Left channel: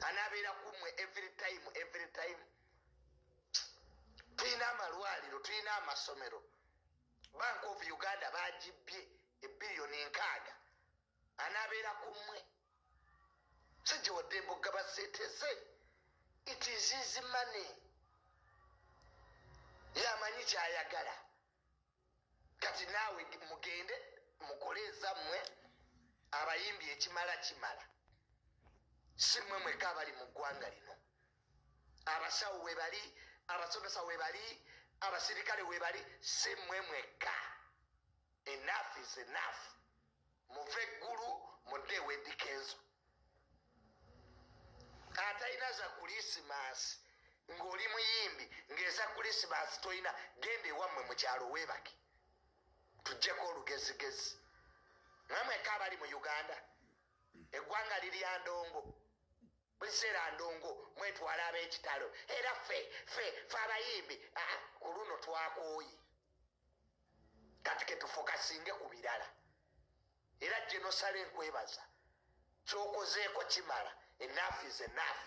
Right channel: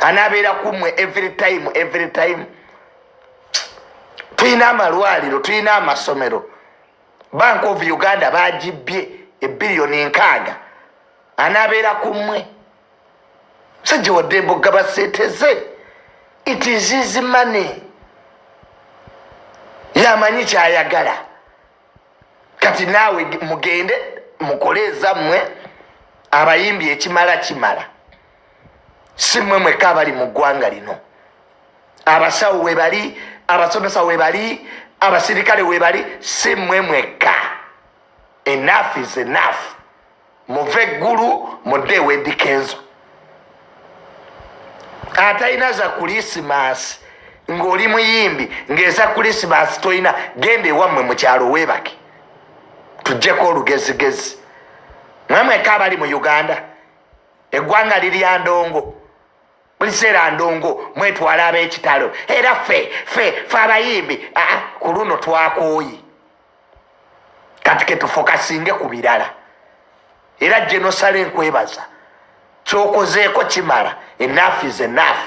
anabeera kumwe every time. Tulina amalwaliro, tulina amasomero. Bank of Uganda bagibye $1,600,000,000 anabeera kumwe. Musajja wa Ddembe ogaba ssente ze. It is his money. Yamanyi kyayagala. Kati naawe mugende mukole ezammwe abayimbi ekimala. Si mmwe mwekka abali mu ggwanga lino. Abasawo we bali, abasomesa we bali, abasirikale we bali, si mmwe mwekka. Enough is enough. Muve eggulu mudde Eddy Kenzo. Atalina za Kulisimasi ng'oli muyimbi ng'eza Kulisimasi toyina, genda ewammwe mu kyalo weebake. Tuggyeko olugezigezi. Mmwe mwekka abali mu Uganda. Eggwanga lirya ndongo. Buli kiseera ndongo mwetwala ab'ekitalo. Era ffe abayimbi ku luno twakooyi. Kati ke tufokasinge ku birala. Era Genosale nkwebaza. Ky'okozeeko kimala. Enough is enough.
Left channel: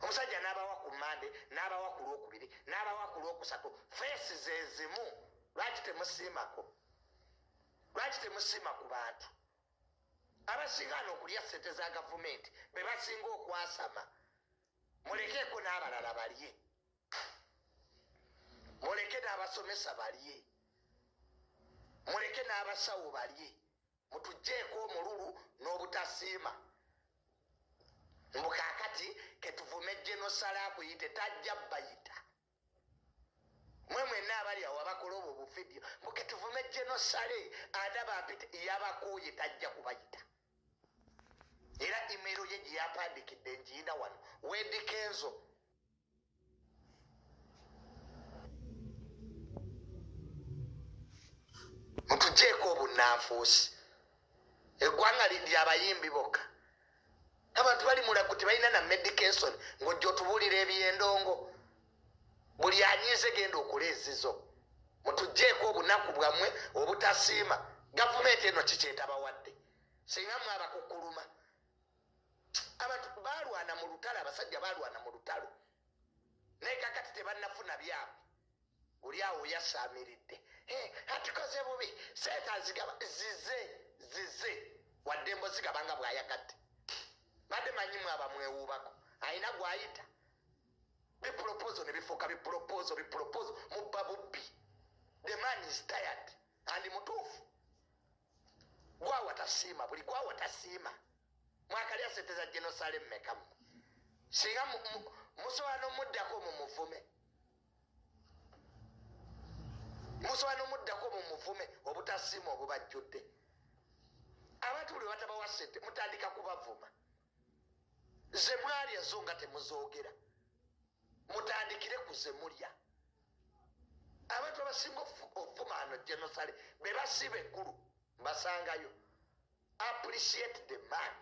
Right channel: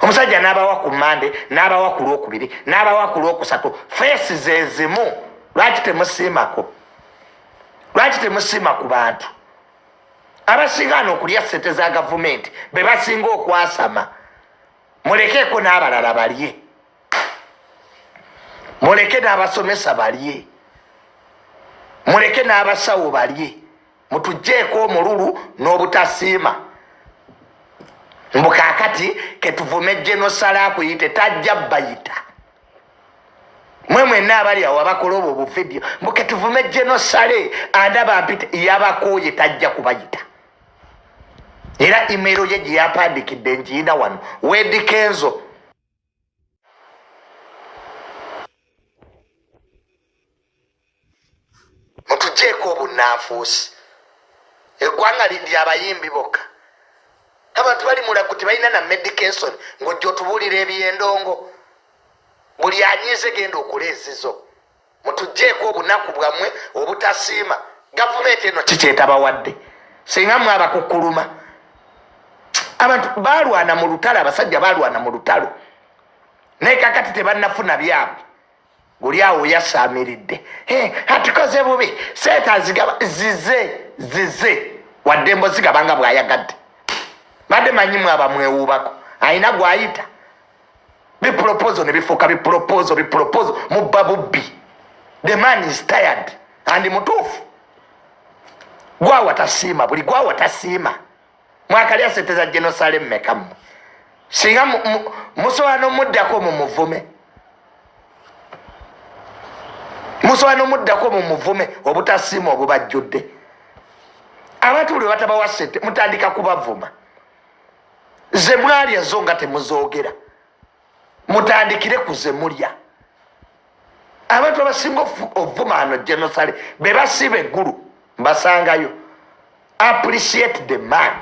Omusajja n'abawa ku Mande, n'abawa ku Lwokubiri, n'abawa ku Lwokusatu. Feesi ze zimu. Lwaki temusiimako? Lwaki temusiima ku bantu? Abasinga okulya ssente za gavumenti be basinga okwasama. Mulekeeko n'abalala balye. Muleke n'abasomesa balye. Muleke n'abasawo balye. Mutuggyeko omululu n'obutasiima. Mbu kaakati ketuvume Genosale akuyite tajja bayita. Mwe mwenna abali awo abakola obwo buvidiyo mbu ketuvume Genosale andaba mpite yabakooye tajja kubayita. Era email ye gye yapandikidde ngiina wano Eddy Kenzo. Mutuggyeko obunnanfuusi. Eggwanga lya abayimbi bokka. Abantu bali mulago tebalina na medication ng'ojja otubuulira ebyendongo. Buli anyiize genda okuleezizo. Mutuggyeko obunaku bwammwe obutasiima. Gavumenti eno kikyetabawadde. Singa mwe abakukkuluma. Abantu balwana mu lutalo, abasajja balwana mu lutalo. Naye kakati tebannafuna byabwe. Guli awo yasaamiridde. Atukoze bubi. Seeta zigaba zize. Wadde mbozigabanga bw'ayagadde. Badde manyimu abamwewuubako. Ayina gw'ayita. Biproposal ne bifuuka biproposal mubba bubbi. The man is tired. Andi mutuufu. Gwawa tasiima, buli gwawa tasiima. Mwakalya ssente za Genosale mmeka mmwe. Singa musobola n'omuddako mu muvume. Musobola n'omuddako mu muvume obutasiima obubajjudde. Abantu buli batabawa ssente mutandika kubavuma. Ze mwalya zo nga temuzoogera. Mutandikire ku ze mulya. Abantu abasinga ovuma ano Genosale be basiba eggulu mbasangayo. Appreciate the man.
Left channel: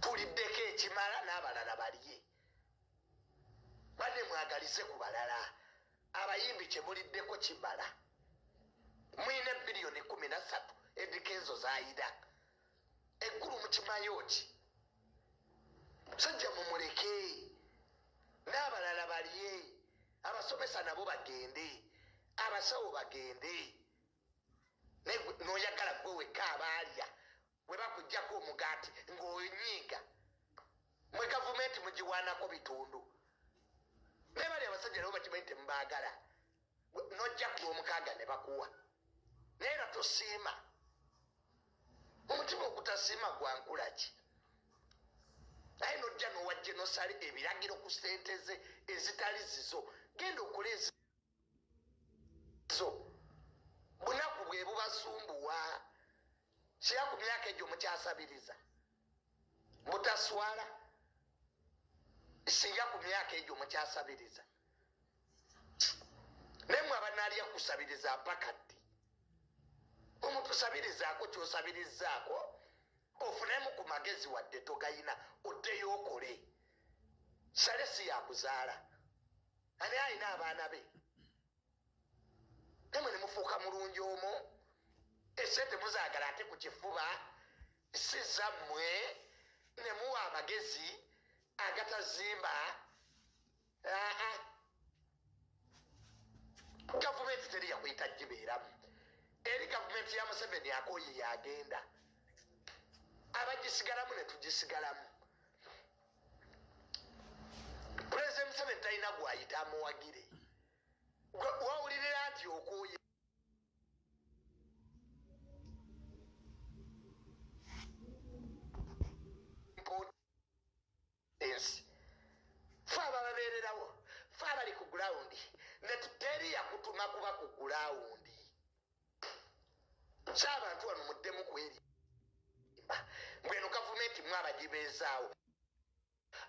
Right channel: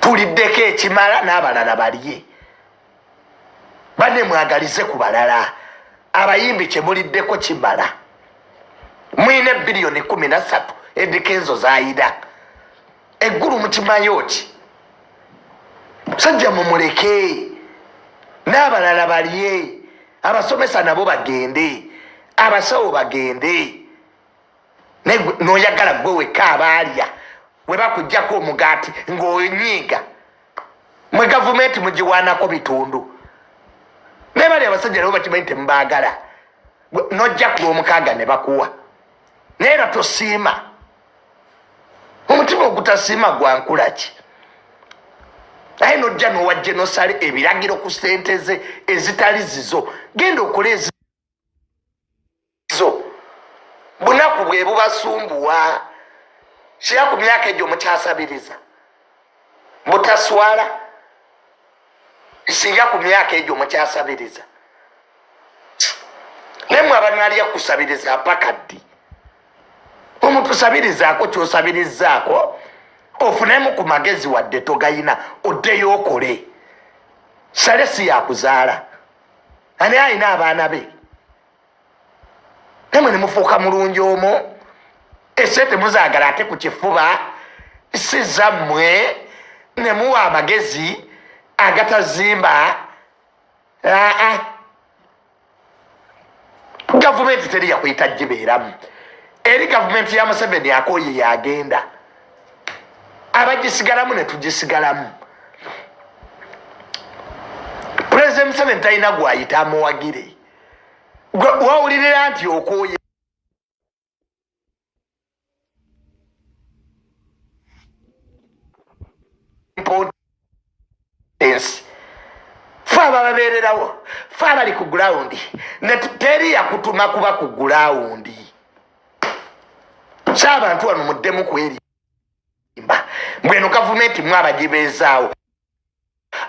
Tuliddeko ekimala n'abalala balye. Banne mwagalize ku balala. Abayimbi kye muliddeko kimala. Mwine $13 Eddy Kenzo z'ayida. Eggulu mukimanyi ki? Musajja mumuleke. N'abalala balye. Abasomesa nabo bagende. Abasawo bagende. N'oyagala gwe wekka abaalya. We bakuggyako omugaati ng'onyiiga. Mwe gavumenti mugiwaanako bitundu. Naye bali abasajja nabo bakimanyi temubaagala. N'ojja ku Lwomukaaga ne bakuwa. Naye era tosiima. Omutima ogutasiima gwa nkula ki? Naye n'ojja n'owa Genosale ebiragiro ku ssente ze ezitali zizo. Genda okole ezizo. Bunaku bwe bubasumbuwa. Kira ku myaka egyo mukyasabiriza. Butaswala. Singa ku myaka egyo mukyasabiriza. Naye mwe abanaalya kusabiriza paka ddi. Omuntu sabirizaako ky'osabirizaako ofunemu ku magezi wadde togayina oddeyo okole. Sale si yakuzaala. Ani alina abaana be. Namwe ne mufuuka mulungi omwo. Ese temuzaagala ate ku kifuba si zammwe nemuwa amagezi agatazimba gavumenti teri yakuyita gibeeramu eri gavumenti ya Museveni akoye yagenda abagisigalamu netugisigalamu President Museveni talina gwayita amuwagire wawulirira nti okoye fa bababeererawo fa bali ku gurawundi neteri yakutuma kuba ku gurawundi ky'abantu wano muddemu kwerimba mbweno gavumenti mwabagibeezaawo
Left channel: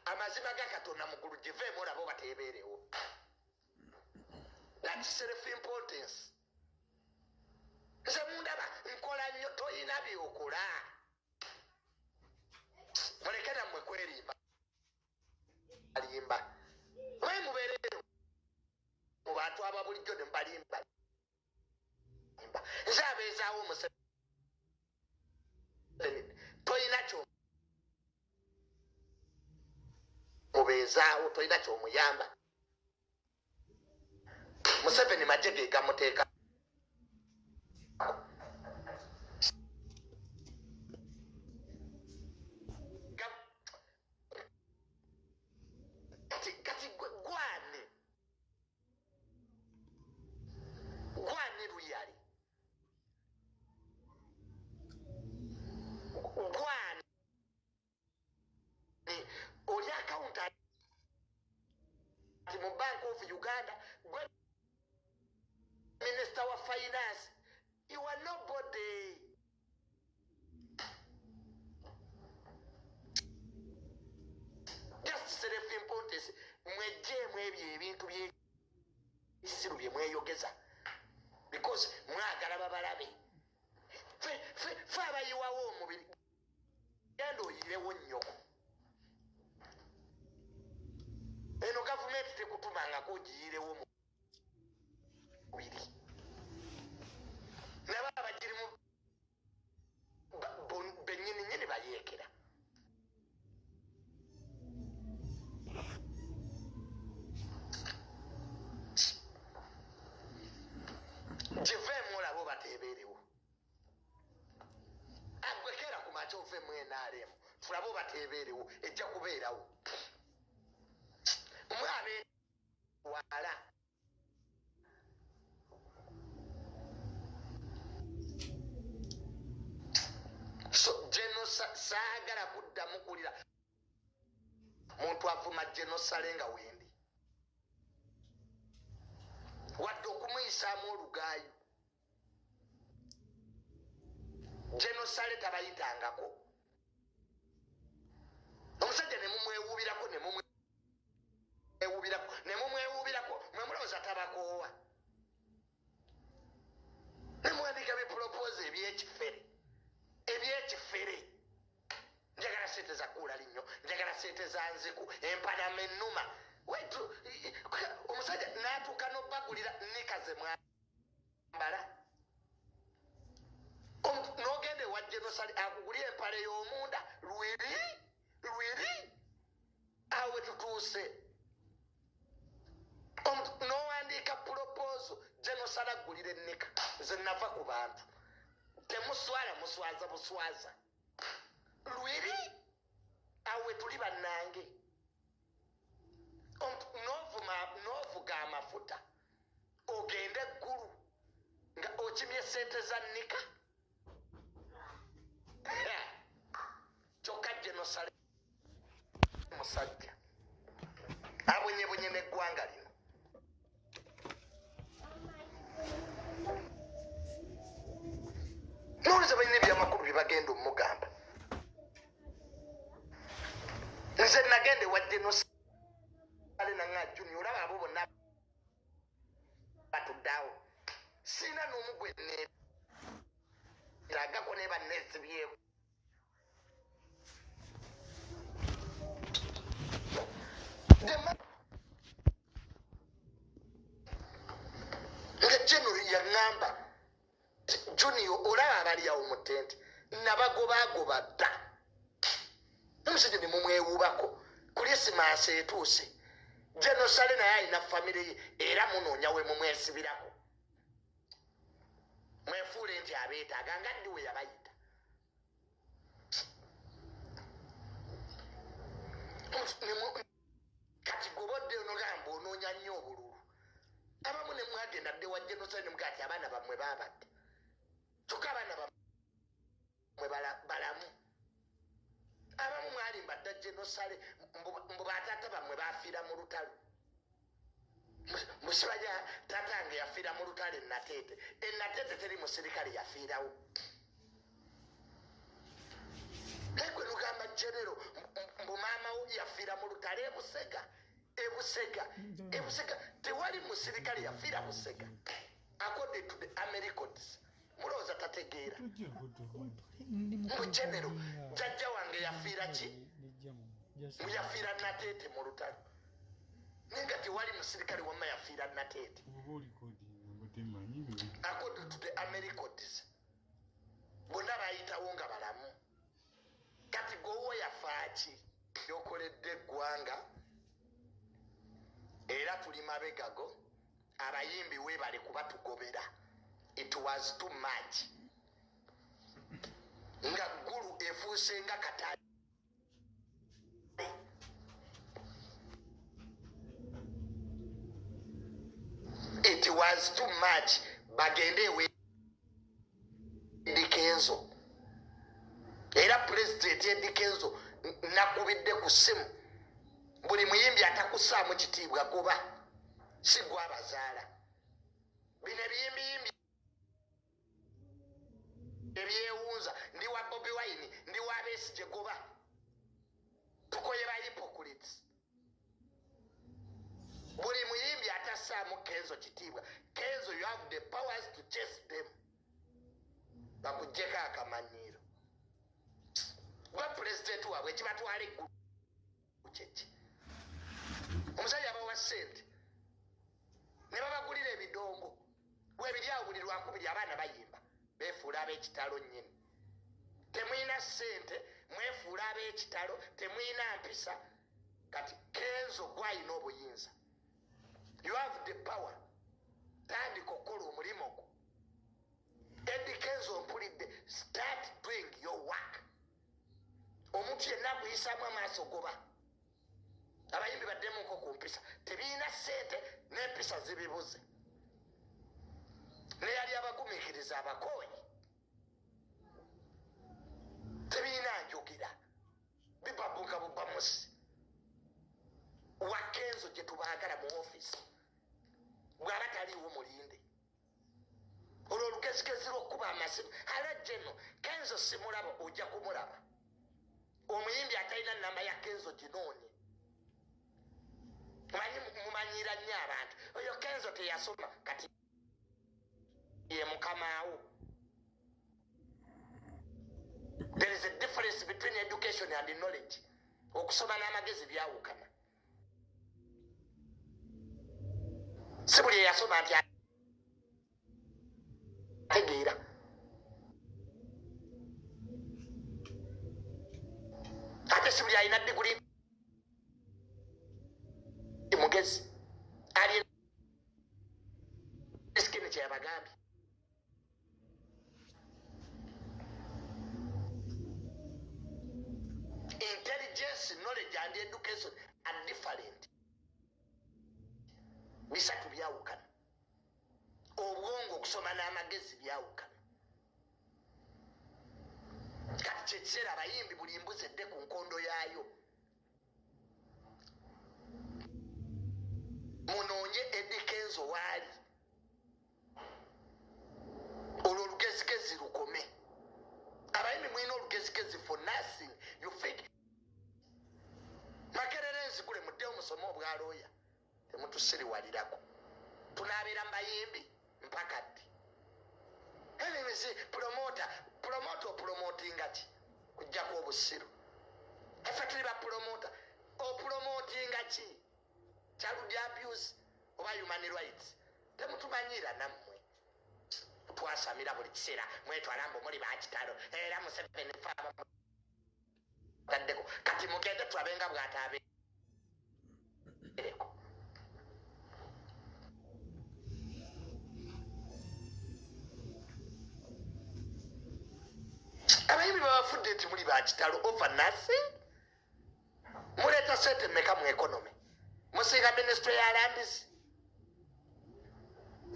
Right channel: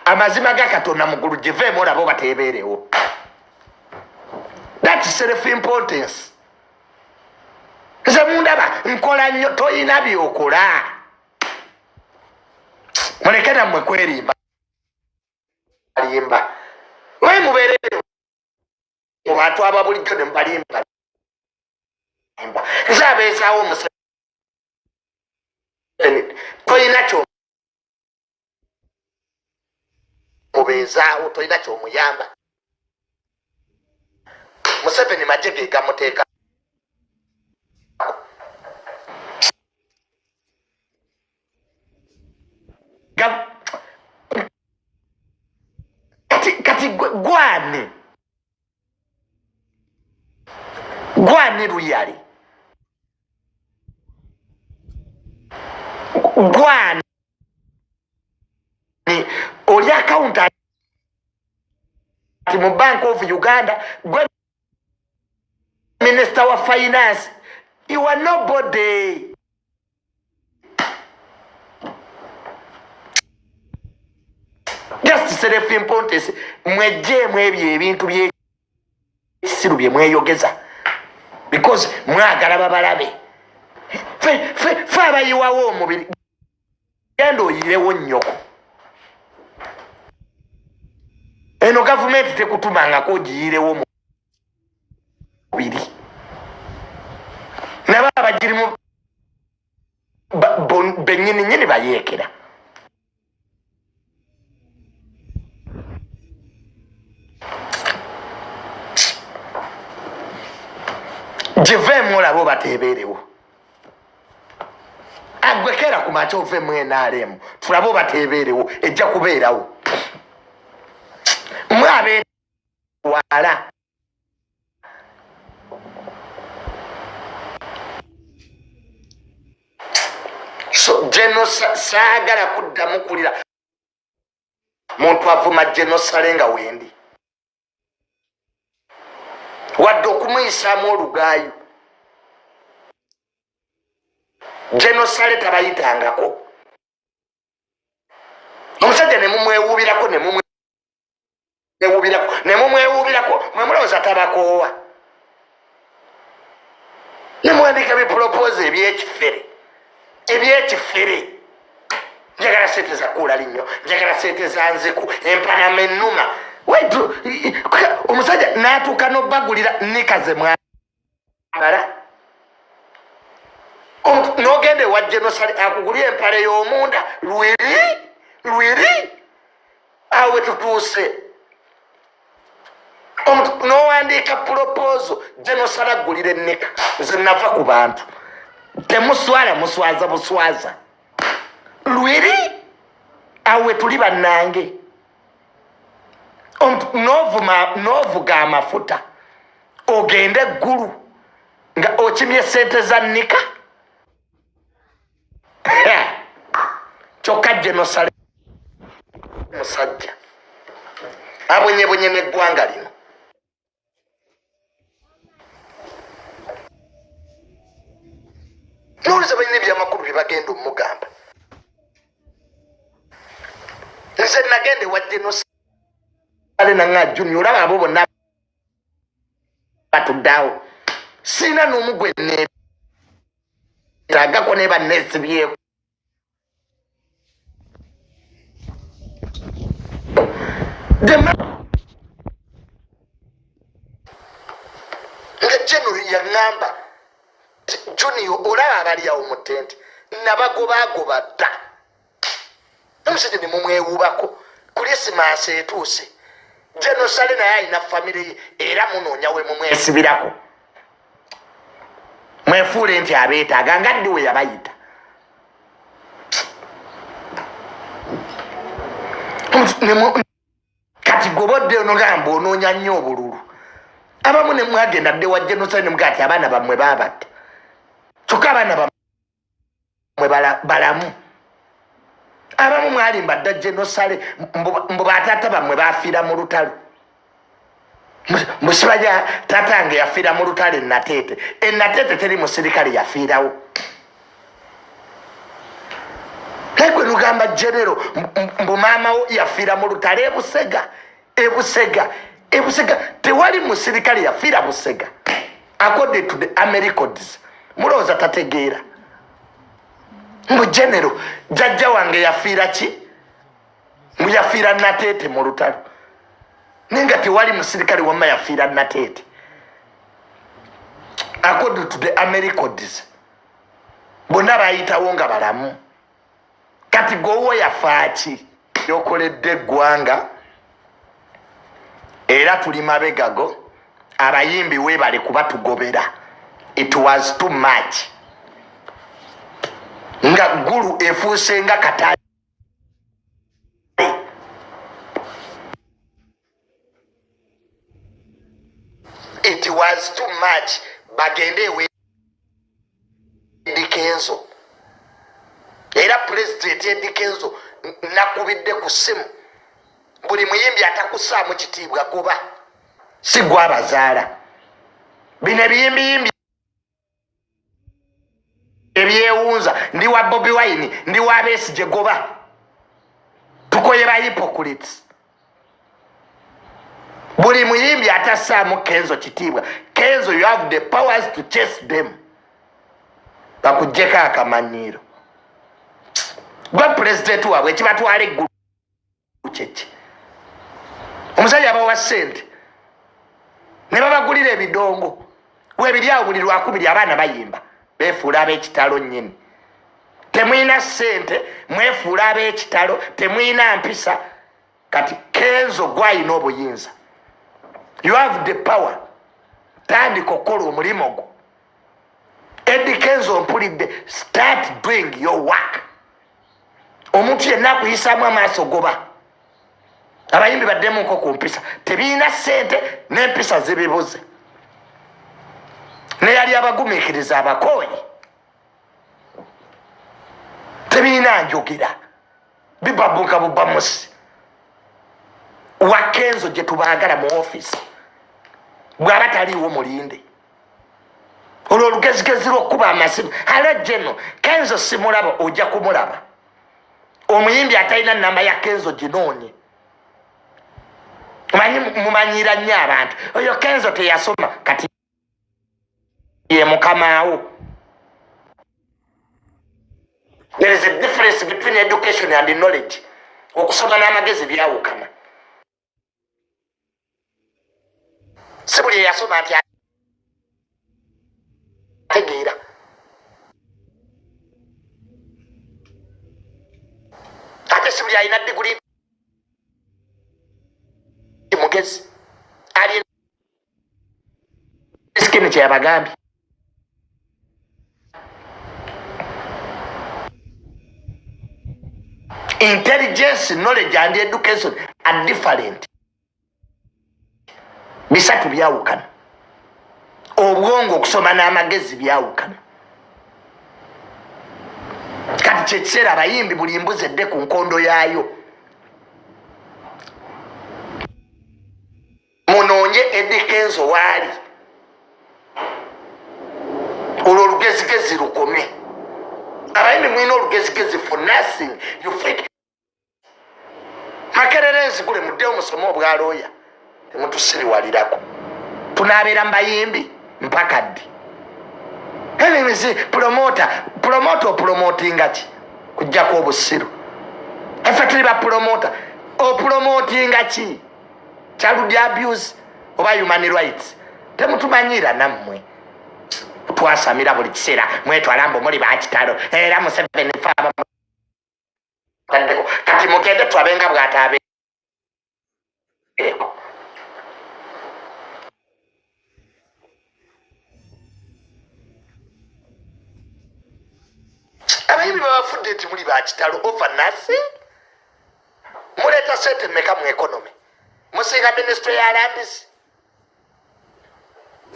amazima ga Katonda mugulu giveemu olabo bateebeerewo that is self importance nze mundaba nkola nnyo toyina byokola muleke nammwe kwerimba limba we mubeere mu bantu ababulijjo ne mubalimba nze abeezaawo Museveni toyina kyo mubeezaawo toyina kyomuyamba Museveni magye ge gamuteeka kati gwani luyali gwani oli akawunta mu Bank of Uganda gwe Minister wa Finance you are nobody just self importance mwejjeemu ebyo ebintu by'esiru bye mweyogeza because mwagala babalabe fe abayiwawo omubiri genda oyirewo nnyoko eno gavumenti tekutumangako ogiyirewo mubiri naba abagirimu bennyininyini bayeekera giveemu olabo bateebeerewo agwekera ku makya oveemu NRM tulabo bateebeerewo ejja kubeerawo mwabeewala so saagala kuddamu kulira muntu avuma genosale nga wendi wadde okumuyisaamu olugaayo genosale tabayitangako omusajja nemumwewuubirako nemumwewuubirako mwemulowooza tabakoowa nemuwandika bipropose ebyekifere njagala sente za kuula linnyo njagala sente za nziku empanama ennuma wetu omusajja n'atuuka n'obbagulira nikaze mwambala n'ogende wa genosale akugulya empale y'omunda lwiri awe tutuuse n'owandiika pulopozo genosale agulira ennika nze nava ku bantu temuswala muswaza buswaza lwiri awe tuli bannange n'ovuga amafuta ogende eggulu nga okimye sente za nnika kyokka genosale musajja abonyebonye n'eggwanga lino nowuliza balina ebyamakulu bye bagenda omugamba nze nagende wa genosale nanga junior olaba abo bonna batuddeawo siina n'omugwe neetagako ne banneesibyeko nga genero yaŋŋamba junior olaba abali awo mu tenti nabagobagoba dda Museveni mumwewubako Christmas etuuse Genocide naye alina famire era munoonya we mumwesibirako mwefuule nti abeetaaga nga ddi we yabayita kati gobodde onogamba onoonya nnyo obululu abamu ne mwagenda dde wa Genocide ne mugaa ti abaana bammwe baabatta kyokka abaana bammwe balamu abamu mwalimba dda Genocide mbu bataata bammwe baafiira mu lutalo musibajja tatange yafiira mu lutalo Nateete teri musirikale yafiirawo ekwe nugamba genero mbu maamawo yafiira mu lutalo ebusega tewali musirikale yafiira Busega according to the Americans mulowooza tategeera mbu genero jjajja wange yafiira ki mbu yafiira Nateete mu lutalo nenga tewali musirikale wamma yafiira Nateete according to the Americans bonna bayitawo nga balamu kati gwowo yafaaki yokoledde eggwanga era tuli mabegago abayimbi weebale kuba tugobera it was too much nga gulu efuuse nga Katale it was too much bagende ewe Kenzo era president Eddie Kenzo nakubidde ku ssimu buli muyimbi atakusaamu kitiibwa kuba si gwabazaala bino ebiyimbi ebyewunza ndi wa Bobi Wine ndi wa Besigye goba tukoye ba hypocrites buli muyimbi atasaamu Kenzo kitiibwa Kenzo you have the powers to chase them bakujjeko akamanyiiro gwa president waabwe ekibatwala eggulu kyeki omusajja abawa ssente ne babagulira ebidongo webiri awo buli lwakubiri abaana bayimba beefuula ab'ekitalo nnyini temwina ssente mwefuula ab'ekitalo temwina mpisa kati Kenzo gwayina obuyinza you have the power tandika okukola omulimu gwo Eddie Kenzo mpulidde start doing your work omuntu yenna akuyisaamu amaaso goba abayimbi baddemuko ku mpisa tebiina ssente n'empisa zibibuze neyali abagumiikiriza abakooyi tebiina njogira bibabuka bubamusi wa Kenzo gye tubaagala mu ofiisi bw'aba taliiwo mulinde olwo olugezigezi lw'okkuba amasimu alo Geno Kenzo simulaba ojja kumulaba omuyimbi atalina namba ya Kenzo ginoonye mumanyira nnyo abantu oyo Kenzo teyasoma kati ye mukamaawo there is a difference between education and knowledge okusoma n'amagezi byawukana si buli eyasoma nti ategeera ate si buli alina diguli mugezi ali sikini kyeyabagambye intelligence knowledge and education are different bisatu byawukana obwongo okusoma n'amagezi byawukana kati kyekiseera abayimbi buli mbuzi edde ku nkondo yaayo munoonye Eddie Kenzo waali olwo olugezigezi lukome abayimbi mwina olugezigezi for nothing you fake makerere enzigule muddewo musome obwalooya temutusiriwalirako tunaabeera mbayimbi mpaka ddi enimizi promota opromotinga ki kujjako obusiru effe tuli bapromota opromotinga ki child abuse oba human rights temutumanyira nammwe twasamira buli kiseera mwetwala mbu muli bakitalo era Museveni faba kati kati mugende twabenga bwatabe abayimbi babafudde nti muli bakitalo overnasi muleeta sente meka mu economy musinga ministry ya landis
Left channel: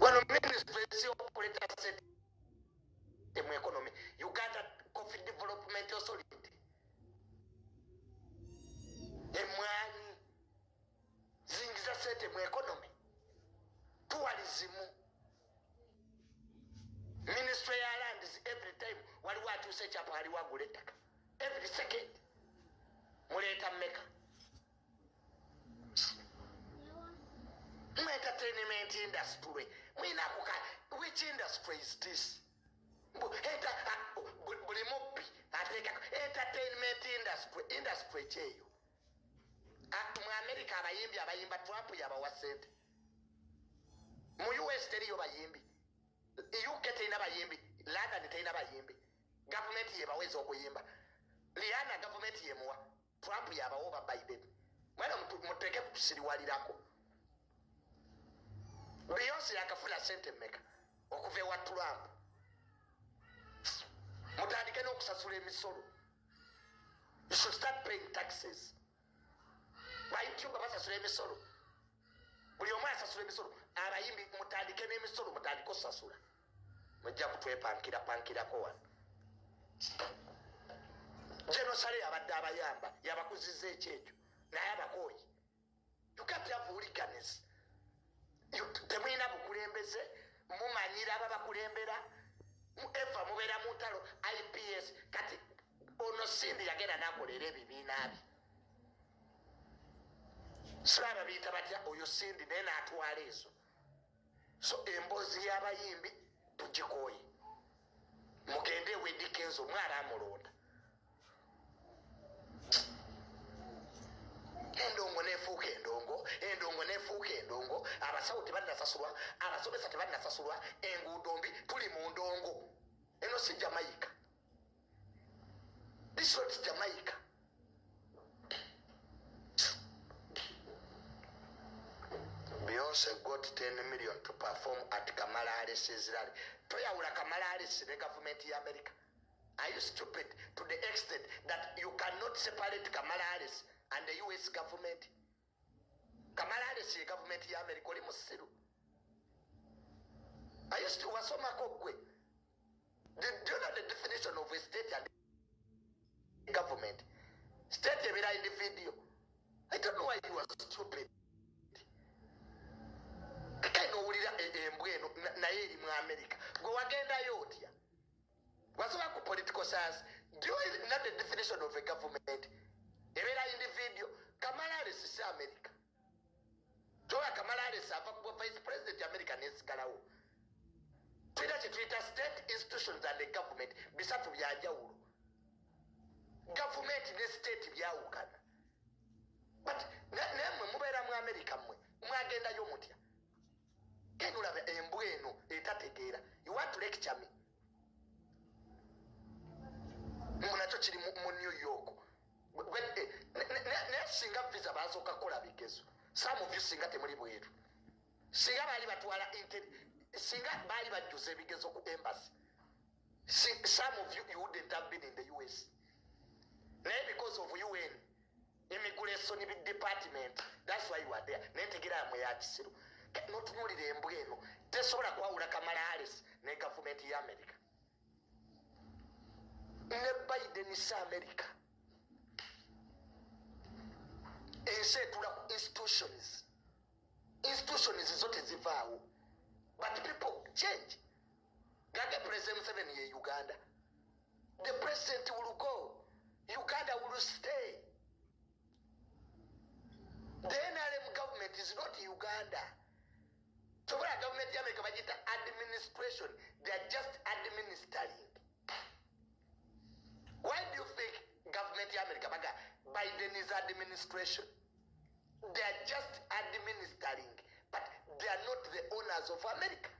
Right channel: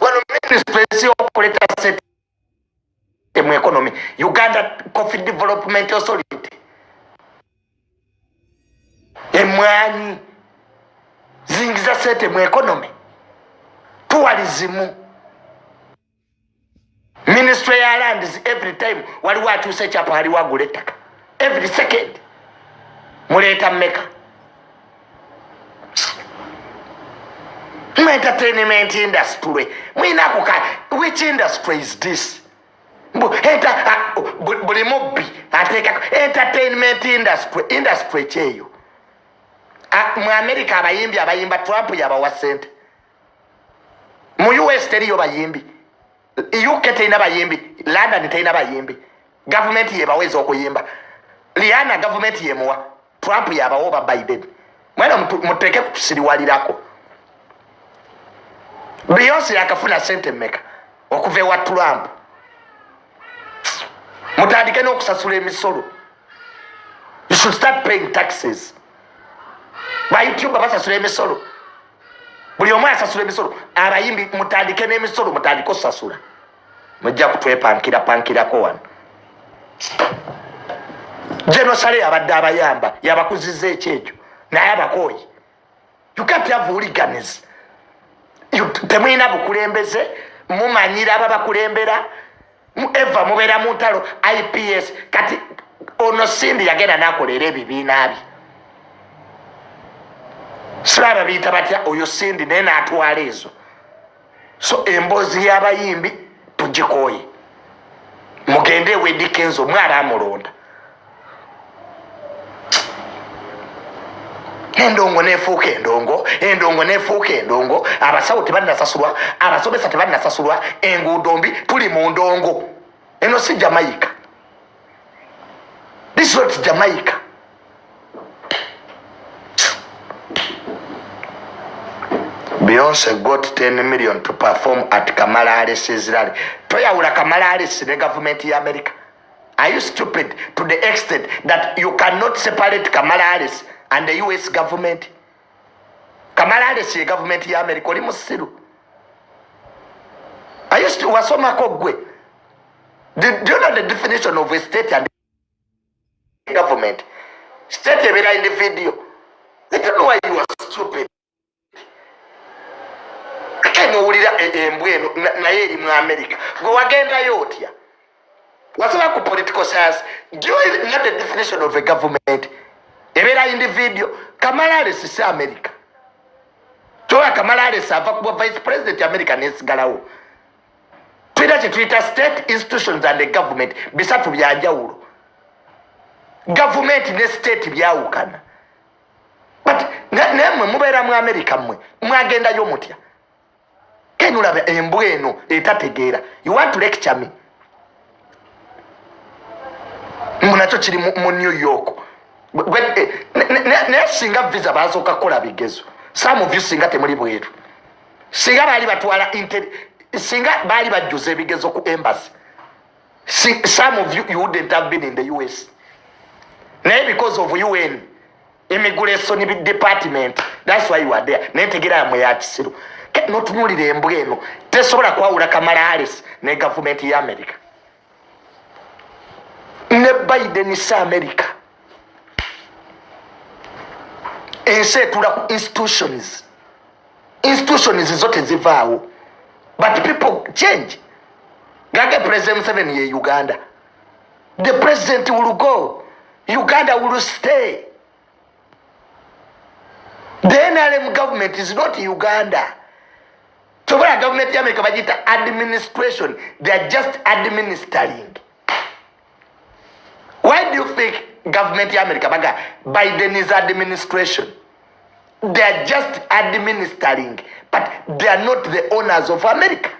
wano ministry esiyokuleeta sente mu economy Uganda Coffee Development Authority emwanyi zingiza sente mu economy tourism ministry ya lands every time waliwo akyusa ekyapa waliwo agula ettaka every second muleeta mmeka mu entertainment industry mwinako which industry is this buli mubbi ateekako entertainment industry kyeyo mu America abayimbi abayimba Trump yabawa sente mu US teriyo bayimbi UK teina bayimbi London teina bayimbi government yebaweza okuyimba Rihanna government yemuwa Trump yabawo ba Biden mwana muteke kusiriwalirako Beyonce yakafuna sente mmeka okuva ewa Trump mutandike n'okusasula emisolo you should start paying taxes ba YouTube basasula emisolo buli omu asasula emisolo abayimbi mutandike n'emisolo mutandike osasula mujja kutwepankirako wano Genosale abadde abayamba yabakuziza ekyekyo naye abakooyi you can't have hooligans temwina bukulembeze mumanyira ababakulembera eva mubeera mu ntalo IPS kati ono Sindi yagenda nakolera ebibiina bye siraba biyita batya oyo Sindi naye naatwala ezo so emboozi y'abayimbi tugikooye mugende Eddy Kenzo mwala amulonda endongo nefuuka endongo abasawo tebannasasulwa abasomesa tebannasasulwa enguudo mbi tuli mu ndongo eno si Jamaica this is not Jamaica Beyonce got 10 million to perform at Kamala Harris's rally. Toyawula Kamala Harris the government of America. Are you stupid to the extent that you cannot separate Kamala Harris and the US government? Kamala Harris the government of America oli musiru. Are you still wasoma kogwe? Do you know the definition of a state and government? State ebera in the video. I don't know why you are stupid. Nowulira embweno naye eri mu America gwe wagendayo otya wasaba ku political science do you know the definition of a government ebera in the video Kamala Harris si America toa Kamala Harris ava kuba vice president America nesigalawo twita state institutions and the government bisatu byanjawulo government ne state byawukana but nemwe mubeera mu America mmwe mwagendayo mutya kenulabe embweno etategeera you want to lecture me munacho kiri mu New York ne singa visa bazoka kola bigezo some of you singa temuli bweru singa bali batwala singa bali bajuze bigezo ku embassy some of you wouldn't have been in the US now because of UN immigration department that's why you are there netegera mwe ya kisiru notunulire embweno tesobola kwawula Kamala Harris ne government ya America ne Biden is America ense tula ku institutions zote zivaawo but people change gage president 7 ye Uganda the president will go Uganda will stay the NRM government is not Uganda. So what government ya America bajita administration, they are just administering. Why do you think government ya America baga Biden is administration? They are just administering, but they are not the owners of America.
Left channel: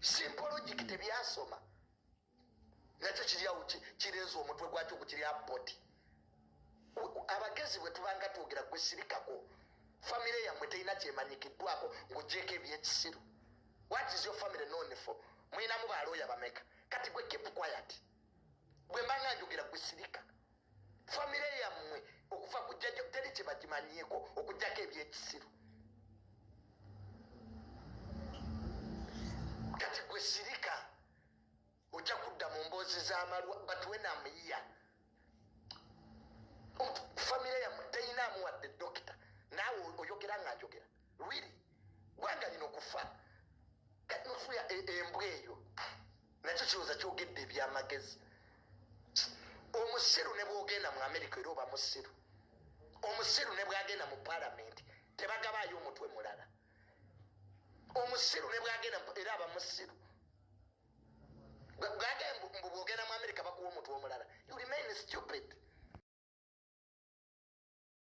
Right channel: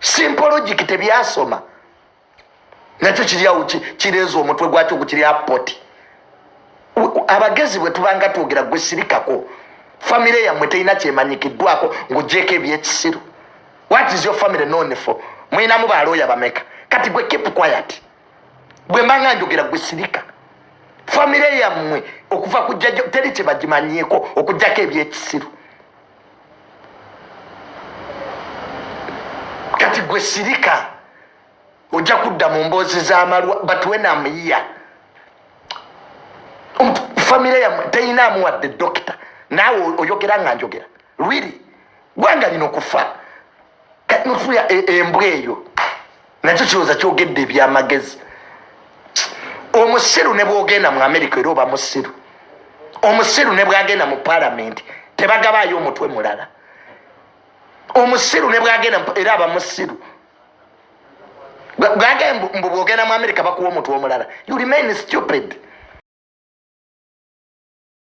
Simple logic tebyasoma. Nakyo kiriya kirezo omutwe gwakyo gukiri apoti. abagezi bwe tubanga twogera gwe sirikako famire yammwe terina kyemanyikiddwako ng'ogyeko ebyekisiru. What is your family known for? Mwinamu balooya bameka kati gwe keep quiet. Bwe mbanga njogera gwe sirika famire yammwe okuva ku jjajja teri kye bagimanyiiko okuggyako ebyekisiru. Kati gwe sirika ojja kudda mu mboozi z'amalwa but when I'm here famire yammwe teyinaamu wadde dokita naawe oyogera nga njogera really gwanga lino kufa notuya embwa eyo nakyo kirowooza kyogedde ebyamagezi. Omusiru ne bwogenda mu America era oba musiru. Omusiru ne bwagenda mu parliament tebagabaayo omutwe mulala. Omusiru ne bwagenda era aba musiru. Bwagenda mbu bwogenda mu America bakuwa omutwe omulala. You remain stupid.